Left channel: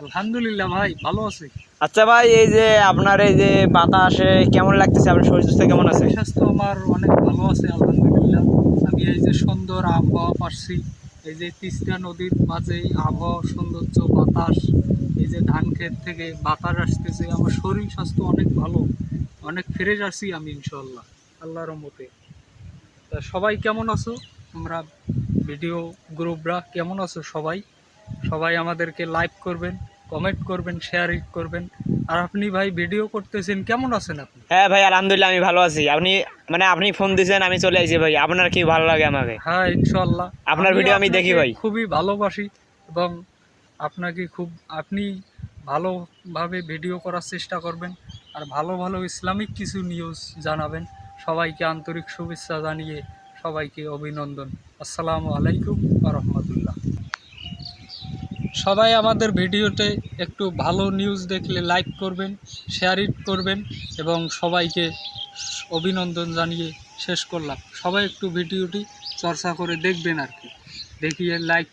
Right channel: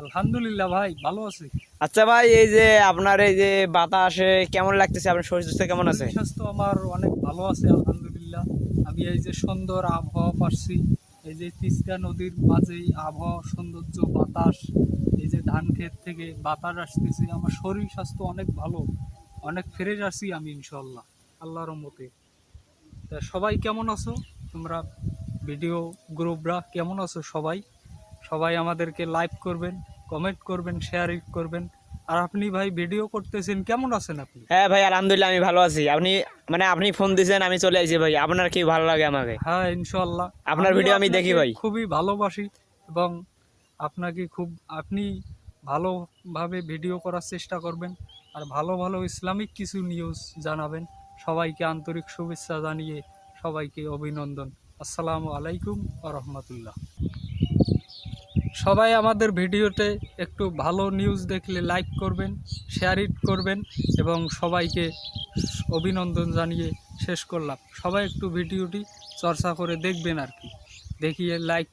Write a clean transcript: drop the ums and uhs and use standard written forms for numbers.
আলহামদুলিল্লাহ ভাই, ভালো আছি। আচ্ছা ভাই, এই যে আপনার এই যে বাতাসে কেমন লাগতেছে, আপনার শরীর স্বাস্থ্য কেমন আছে? শরীর স্বাস্থ্য আমার অনেক ভালো আছে আলহামদুলিল্লাহ। আমি এই যে সুন্দর আবহাওয়া পাচ্ছি, এই যে তিস্তা নদীর মাঝে আবহাওয়া সৌন্দর্য, বাতাস, এই যে ধান ক্ষেত থেকে বাতাস আসতেছে, আমার শরীর স্বাস্থ্য অনেক ভালো, অনেক ফ্রেশ আছি আমি ইনশাল্লাহ, আল্লাহর রহমতে। তা সবাই কেমন আছো তোমরা? ভিডিও গ্রুপরা কেমন আছো সবাই? সবাই আমাদেরকে লাইক করবেন, কমেন্ট করবেন, শেয়ার করবেন। আর আপনি ভাই ভিডিও করতেছেন, কেমন আছেন আপনি? হ্যাঁ ভাই, আলহামদুলিল্লাহ আমি ভালো আছি। আপনি ফোন দিয়েছেন, আমি চলে আসি ভাই। আপনার কি ভালো লাগে আমাকে? হ্যাঁ ইনশাল্লাহ। আপনার ভিডিও আমি দেখি আপনাকে ভাই। খুবই ভালোবাসি এবং আপনাকে আপনি ভালোভাবে ভিডিও করার চেষ্টা করবেন আর ভালো ভালো ইসলামিক কিছু নিউজ জানাবেন। সবাইকে আন্তরিক শুভেচ্ছা জানিয়ে সবাইকে অভিনন্দন। আসসালামু আলাইকুম ওয়া রাহমাতুল্লাহ। সবাই আমাদের ভিডিওতে একটু ভালো নিউজ দেখলে লাইক করবেন, শেয়ার করবেন এবং সবাইকে অভিনন্দন জানিয়ে শেষ করলাম। সবাই একটু ভিডিওটি চর্চা করে দেখবেন আর কি, দেখিয়ে লাইক